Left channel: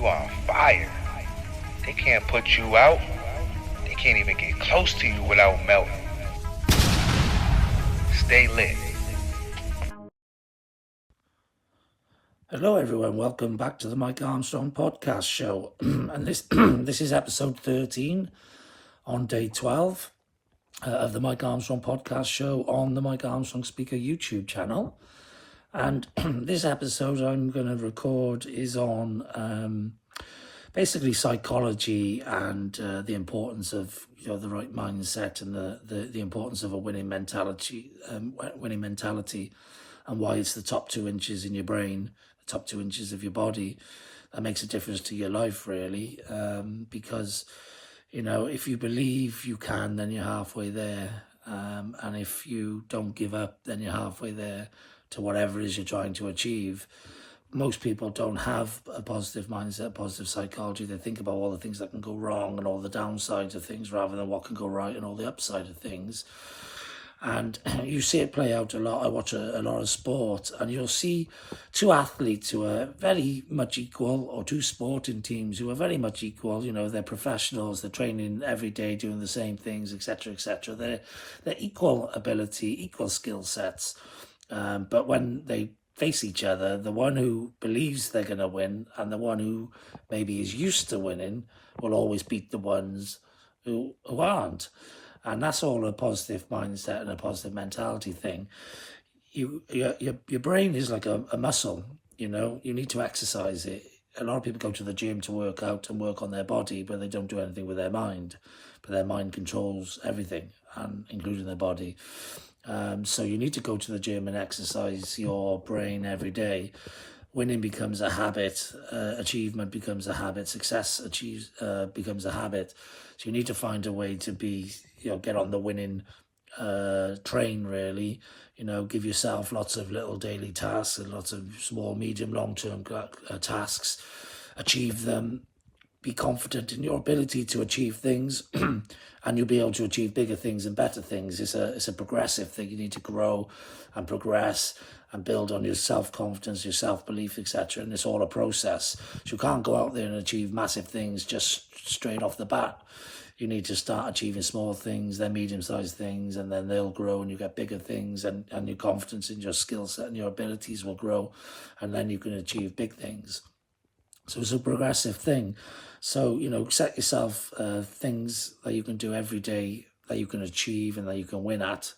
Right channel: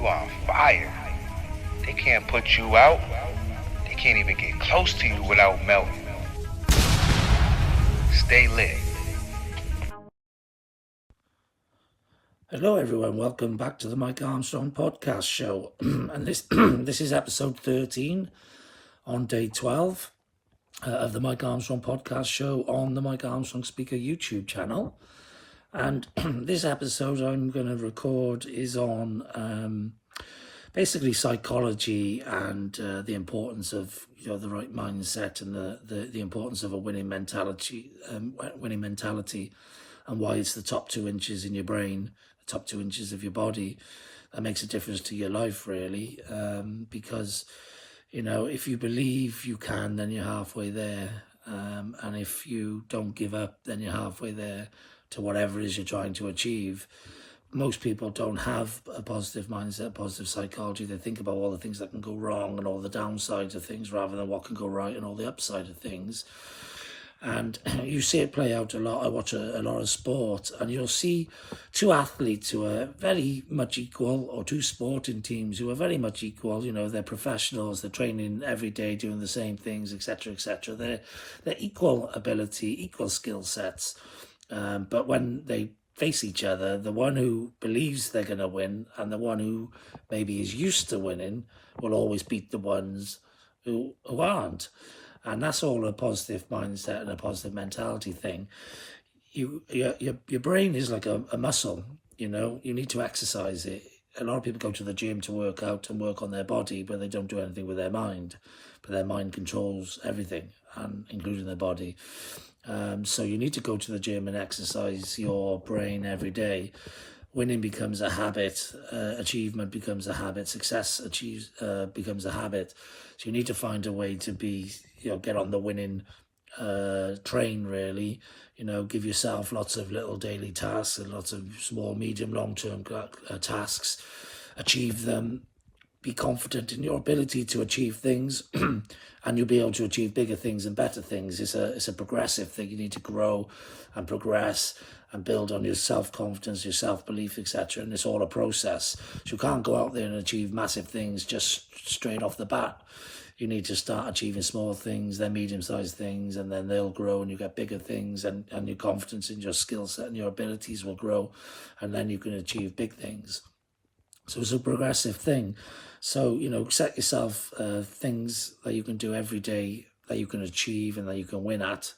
You are on fire. They can't put you out. They can't even get close to you without melting. Stay lit. Hello everyone, welcome back to the Mike Armstrong Podcast show. And this is episode 13 on day 12 of the Mike Armstrong Podcast show on the Mike Armstrong Speaker YouTube channel. And this episode I'm going to record is on basically psychology and the importance of the right mindset and the importance of a winning mentality, and why it's the top 2 inches in your brain, the top 2 inches of your body that makes a difference to your life, really. Because if you believe you can, then you're halfway there, and if you don't give up, then you're halfway there to whatever it is you're trying to achieve. Most people don't have a positive mindset, a positive psychology. They think about all the things that can go wrong and all the downsides of things rather than what can go right and all the upside of things. And you see it play out a lot. I watch a lot of sport, and you'll see 2 athletes who are very much equal, or 2 sporting teams who are very much equal. They're professionals, they're training every day, doing the same things, etc., etc. They're equal ability, equal skill sets. But when they face each other, the one who believes they're going to win and the one who maybe is used to winning will always beat the ones who aren't. And that's all a positive mindset and a positive mentality thing. Your brain is like a muscle, you need to exercise it. A lot of people go to the gym to work out and work on their body, but they don't do anything with their mind. But their mind controls everything, and including their body. So you need to go to the gym and exercise your brain every day. Winning becomes a habit, achievement becomes a habit, success becomes a habit. So you need to find a way to be, get on the winning train, really. Give yourself lots of little daily tasks and lots of small, medium, long-term tasks. Achieve them. Be confident in your ability to achieve things. And you'll be able to achieve bigger things and better things. It's a progressive thing. You need to grow and progress and build on your self-confidence, your self-belief, etc. And it's all a process. So you can't go out there and achieve massive things just straight off the bat. You need to start achieving small things, then medium-sized things, and then they'll grow and you get bigger things, and your confidence in your skill set and your abilities will grow, and then you can achieve big things. So it's a progressive thing. So, set yourself things that you can do every day that you can achieve and that you can win at.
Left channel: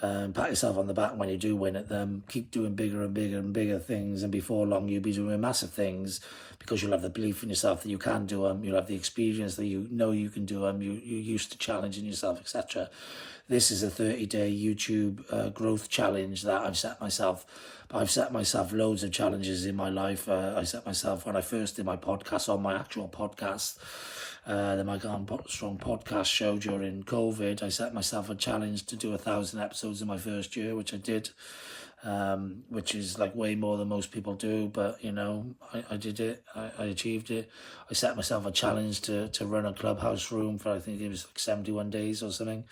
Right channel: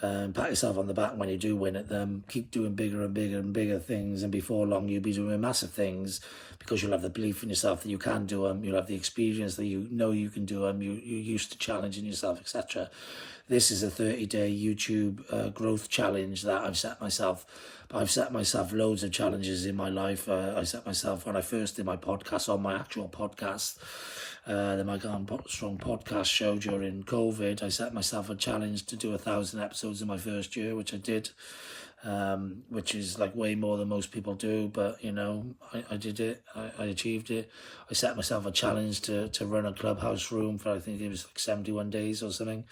Pat yourself on the back when you do win at them. Keep doing bigger and bigger and bigger things, and before long you'll be doing massive things because you'll have the belief in yourself that you can do them. You'll have the experience that you can do them. You're used to challenging yourself, etc. This is a 30-day YouTube growth challenge that I've set myself. I've set myself loads of challenges in my life. I set myself, when I first did my podcast, on my actual podcast, the Mike Armstrong Podcast show during COVID, I set myself a challenge to do 1,000 episodes in my first year, which I did, which is like way more than most people do. But, I did it. I achieved it. I set myself a challenge to run a clubhouse room for, I think it was like 71 days or something.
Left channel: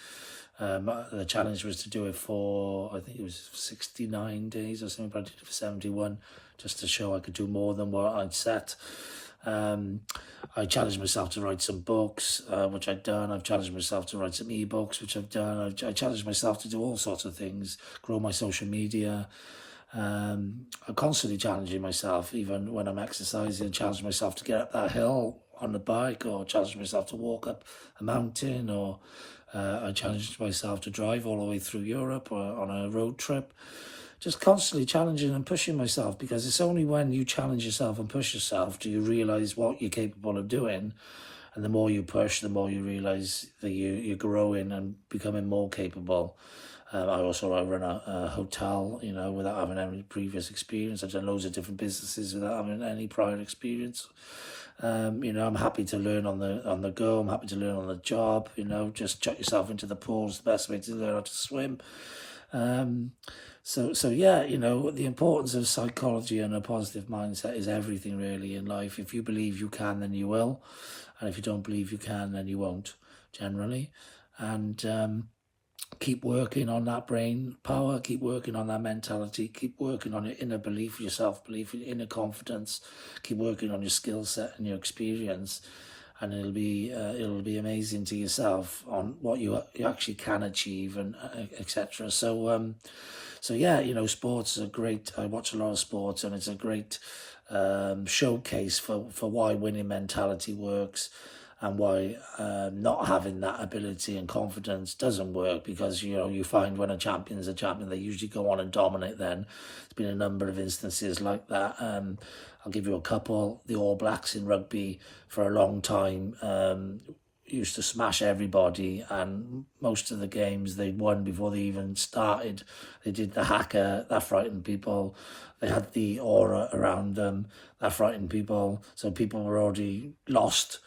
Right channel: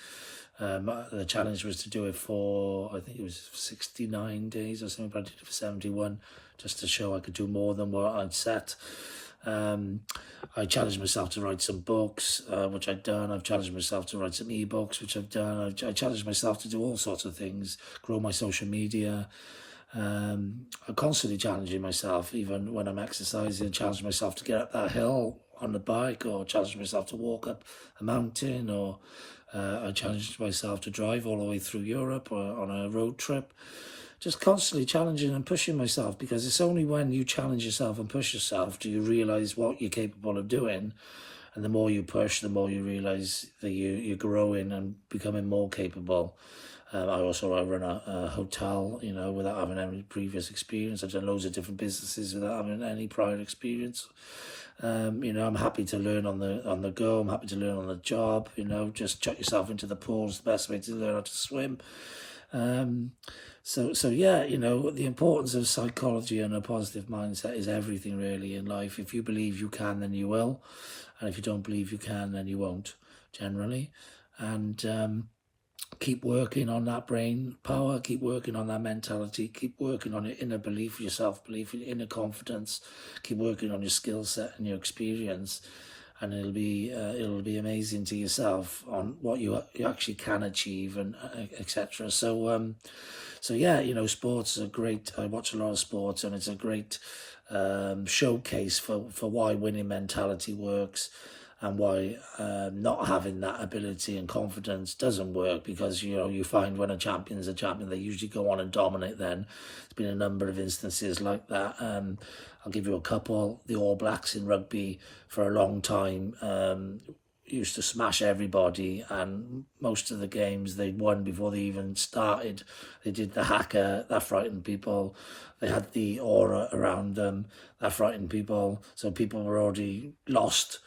The challenge was to do it for, I think it was 69 days or something, but I did it for 71, just to show I could do more than what I'd set. I challenged myself to write some books, which I've done. I've challenged myself to write some ebooks, which I've done. I challenged myself to do all sorts of things, grow my social media. I'm constantly challenging myself, even when I'm exercising. I challenge myself to get up that hill on the bike, or challenge myself to walk up a mountain, or I challenged myself to drive all the way through Europe or on a road trip. Just constantly challenging and pushing myself, because it's only when you challenge yourself and push yourself do you realise what you're capable of doing. And the more you push, the more you realise that you're growing and becoming more capable. I run a hotel, without having any previous experience. I've done loads of different businesses without having any prior experience. I'm happy to learn on the go. I'm happy to learn on the job. Just chuck yourself into the pool is the best way to learn how to swim. The importance of psychology and a positive mindset is everything really in life. If you believe you can, then you will, and if you don't believe you can, then you won't. Generally, and keep working on that brain power, keep working on that mentality, keep working on your inner belief, your self-belief, your inner confidence, keep working on your skill set and your experience, and it'll be amazing to yourself on what you actually can achieve, and etc. So yeah, sports are great. I watch a lot of sports, and it's a great showcase for why winning mentality works, and why not having that ability and confidence doesn't work. Because you find when a champion's a champion, they usually go on and dominate. Then there's been a number of instances like that. I'll give you a couple. The All Blacks in rugby for a long time used to smash everybody, and most of the games they won before they even started. They did the haka, that frightened people. They had the aura around them, that frightened people. So people were already lost,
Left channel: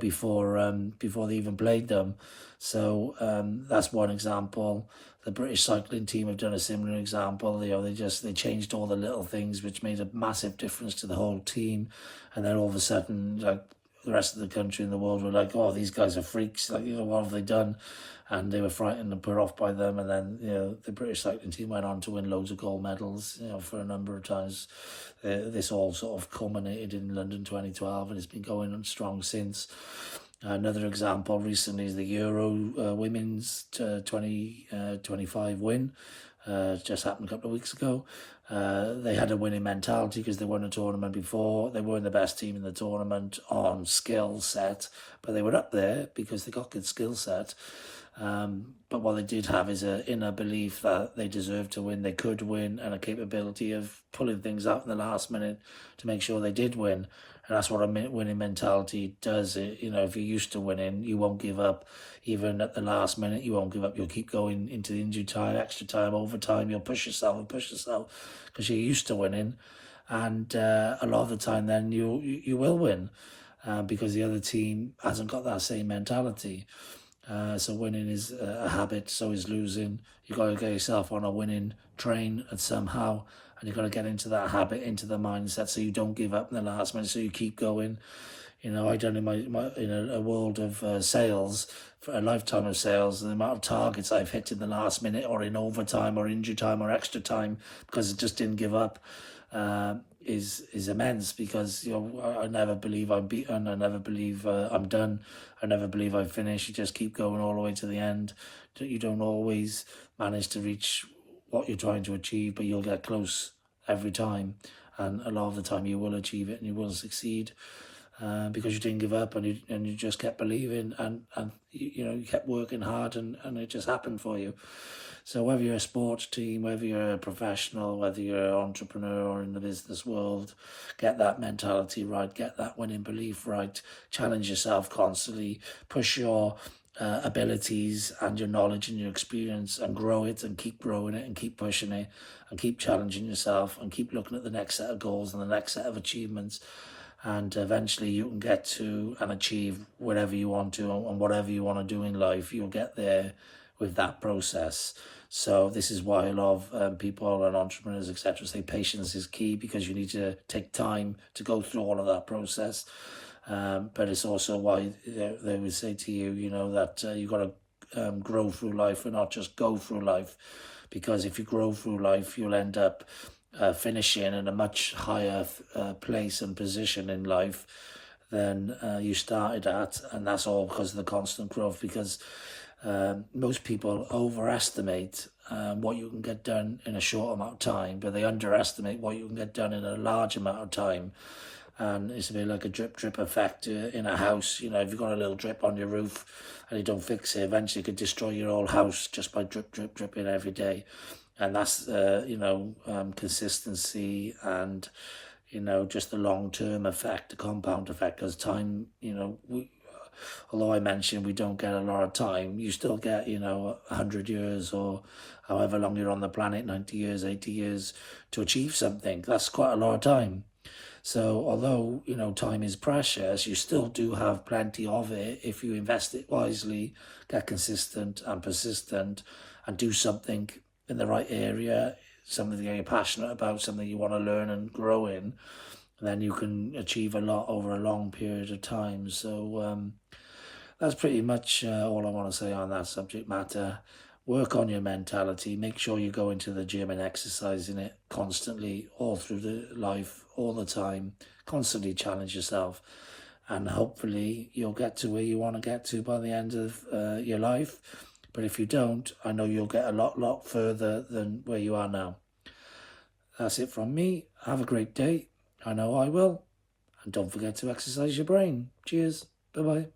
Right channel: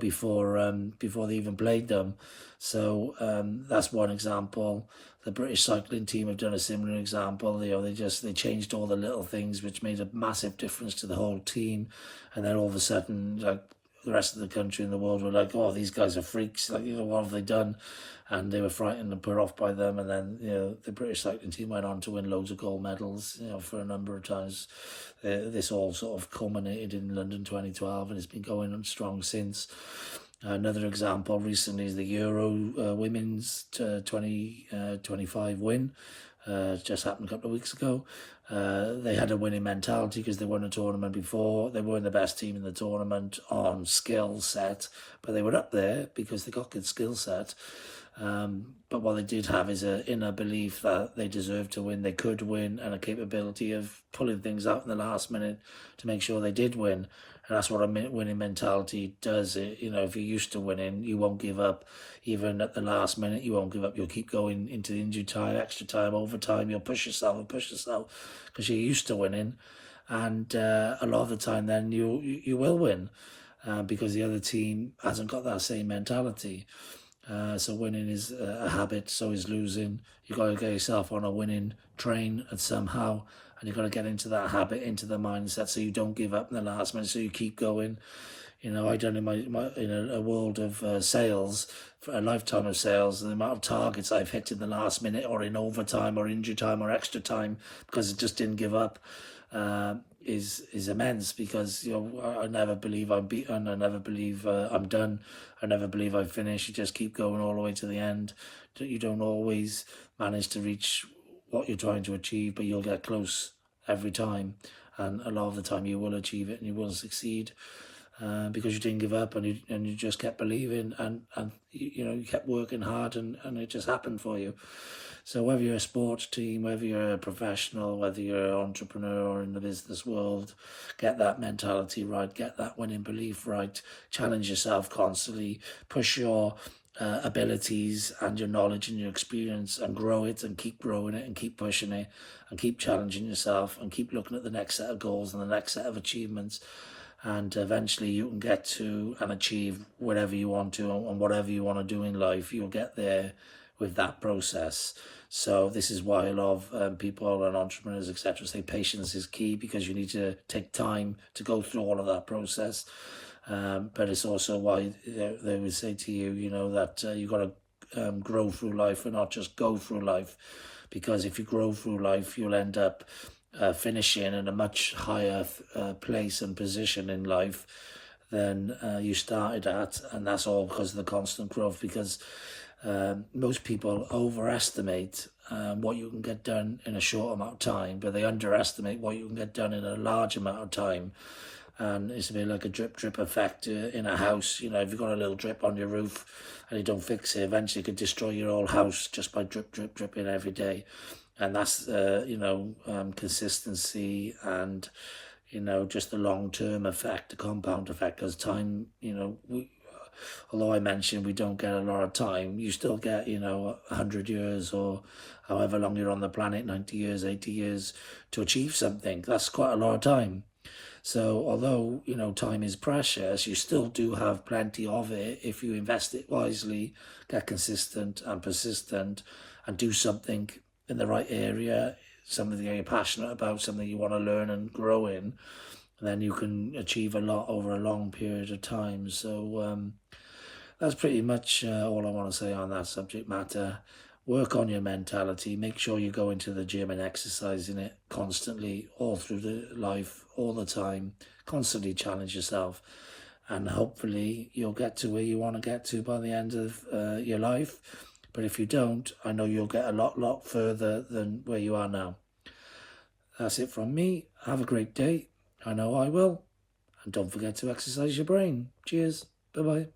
before they even played them. So that's one example. The British cycling team have done a similar example. They changed all the little things, which made a massive difference to the whole team. And then all of a sudden, like, the rest of the country and the world were like, "Oh, these guys are freaks! Like, what have they done?" And they were frightened and put off by them. And then, the British cycling team went on to win loads of gold medals, for a number of times. This all sort of culminated in London 2012, and it's been going on strong since. Another example recently is the Euro women's 2025 win. Just happened a couple of weeks ago. They had a winning mentality because they won a tournament before. They weren't the best team in the tournament on skill set, but they were up there because they got good skill set. But what they did have is an inner belief that they deserved to win, they could win, and a capability of pulling things out in the last minute to make sure they did win. And that's what a winning mentality does. If you're used to winning, you won't give up. Even at the last minute, you won't give up. You'll keep going into the injury time, extra time, overtime. You'll push yourself because you're used to winning. And a lot of the time then you will win because the other team hasn't got that same mentality. So winning is a habit, so is losing. You've got to get yourself on a winning train and somehow, and you've got to get into that habit, into the mindset, so you don't give up in the last minute, so you keep going. I done in my in a world of sales, for a lifetime of sales, the amount of targets I've hit in the last minute or in overtime or injury time or extra time because I just didn't give up is immense. Because I never believe I'm beaten, I never believe I'm done, I never believe I've finished. You just keep going all the way to the end. You don't always manage to reach what you're trying to achieve, but you'll get close every time, and a lot of the time you will achieve it and you will succeed. Because you didn't give up, and you just kept believing, and you kept working hard, and it just happened for you. So whether you're a sports team, whether you're a professional, whether you're an entrepreneur or in the business world, get that mentality right, get that winning belief right, challenge yourself constantly, push your abilities and your knowledge and your experience, and grow it, and keep growing it, and keep pushing it, and keep challenging yourself, and keep looking at the next set of goals and the next set of achievements. And eventually you can get to and achieve whatever you want to, and whatever you want to do in life, you'll get there with that process. So this is why a lot of people and entrepreneurs, etc., say patience is key, because you need to take time to go through all of that process. But it's also why they would say to you, that you've got to grow through life and not just go through life. Because if you grow through life, you'll end up finishing in a much higher place and position in life than you started at. And that's all because of the constant growth. Because most people overestimate what you can get done in a short amount of time, but they underestimate what you can get done in a large amount of time. And it's a bit like a drip effect in a house. If you've got a little drip on your roof and you don't fix it, eventually it could destroy your whole house just by dripping every day. And that's, consistency and, just the long-term effect, the compound effect. Because time, although I mentioned we don't get a lot of time, you still get, 100 years or however long you're on the planet, 90 years, 80 years, to achieve something. That's quite a lot of time. So although, time is precious, you still do have plenty of it if you invest it wisely, get consistent and persistent, and do something in the right area, something that you're passionate about, something you want to learn and grow in. And then you can achieve a lot over a long period of time. So that's pretty much all I want to say on that subject matter. work on your mentality. Make sure you go into the gym and exercising it constantly, all through the life, all the time. Constantly challenge yourself, and hopefully you'll get to where you want to get to by the end of your life. But if you don't, I know you'll get a lot further than where you are now. That's it from me. Have a great day. I know I will. And don't forget to exercise your brain. Cheers. Bye-bye.